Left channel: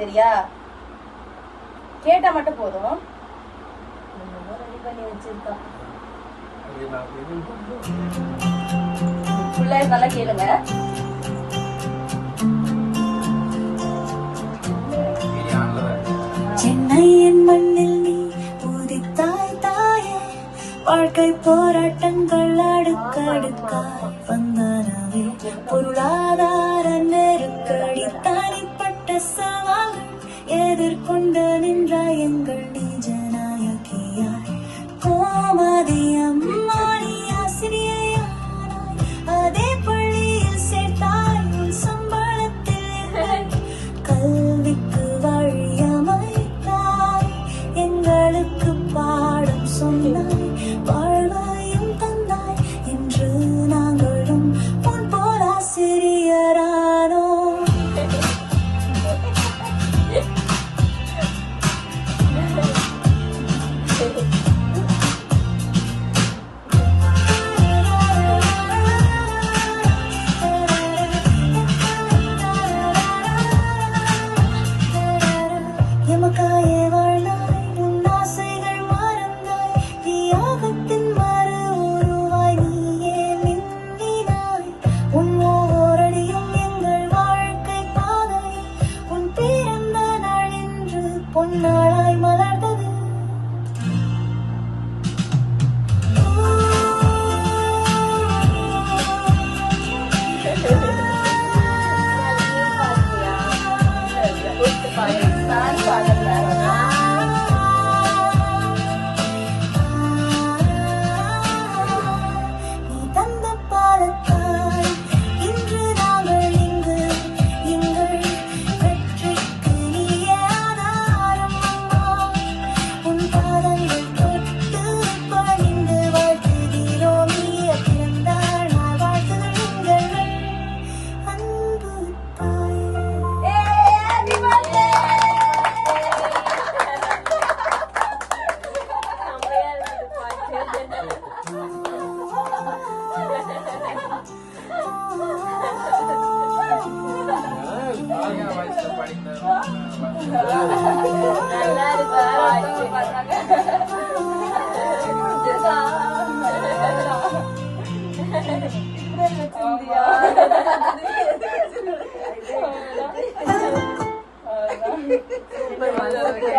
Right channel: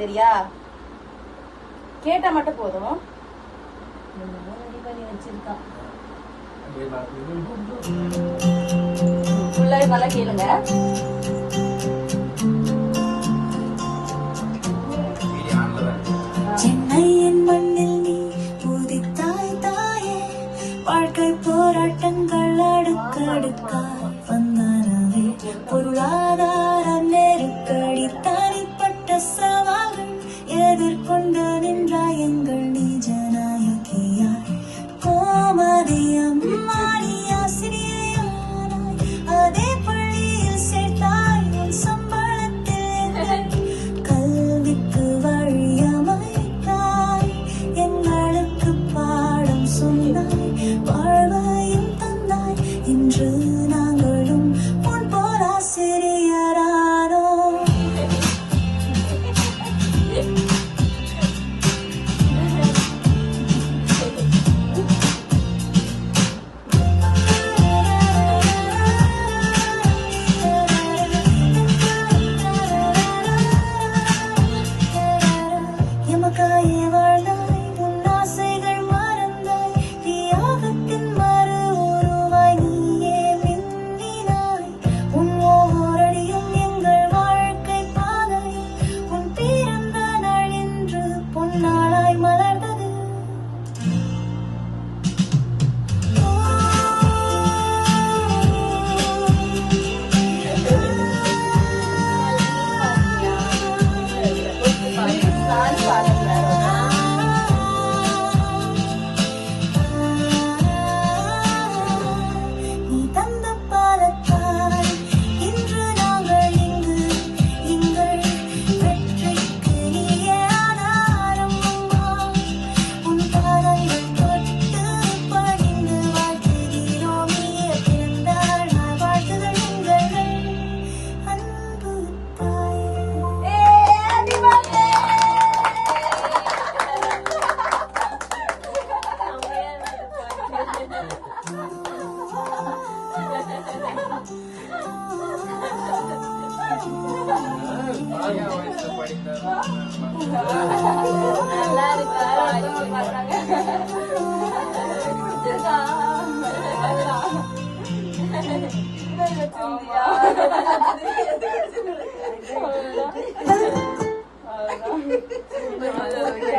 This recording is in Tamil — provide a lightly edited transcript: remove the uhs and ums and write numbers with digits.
சரியா? கேட்டா மட்டும் போதும். ரெடி பண்ணி வச்சிருக்கான். நல்லா கேளுங்க. சென்னையின் மண்ணில் நீ உதித்தாய் தாயே, வாழ்க்கை போராட்டங்கள் அடுக்கடுக்காய் வந்தனவே, பொருளாதார நெருக்கடி தனிப்பட்ட சவால்கள் எதிர்கொண்டு நின்றாய் எங்கள் நிஜநாயகியாய். கோமதி அம்மானி ஆசிரியையானாய், அதே பள்ளியில் சேர்த்தாய் உன் சம்பளத்தில் கல்விக்கு வழியமைத்தாய், எங்களுக்கு பாடம் சொன்னாய், வாழ்வையும் தந்தாய். இன்று நாங்களும் உன் போல் ஆசிரியரானோம். எமக்காயே வாழ்ந்தாய், உன் ஆசைகள் மறந்தாய், தியாகத்தின் மறு உருவாய் நீயே மின்னினாய். உன் ஓரடியும் எங்கள் வாழ்க்கை பாதை, உன் பிறந்த நாள் என்று பொன்னாளாய் மலர்ந்தது. நீ தந்த பாலத்தால் இன்று நாங்கள் இங்கு, எங்கள் வெற்றிக்கு நீயே ஆதாரம். உன் பாதங்கள் தொட்டு பணிந்து வாழ்த்துகிறோம். நீயே பிறந்தாள் நாள் வாழ்த்துகள் எங்கள் அன்பு தாயே. படிக்க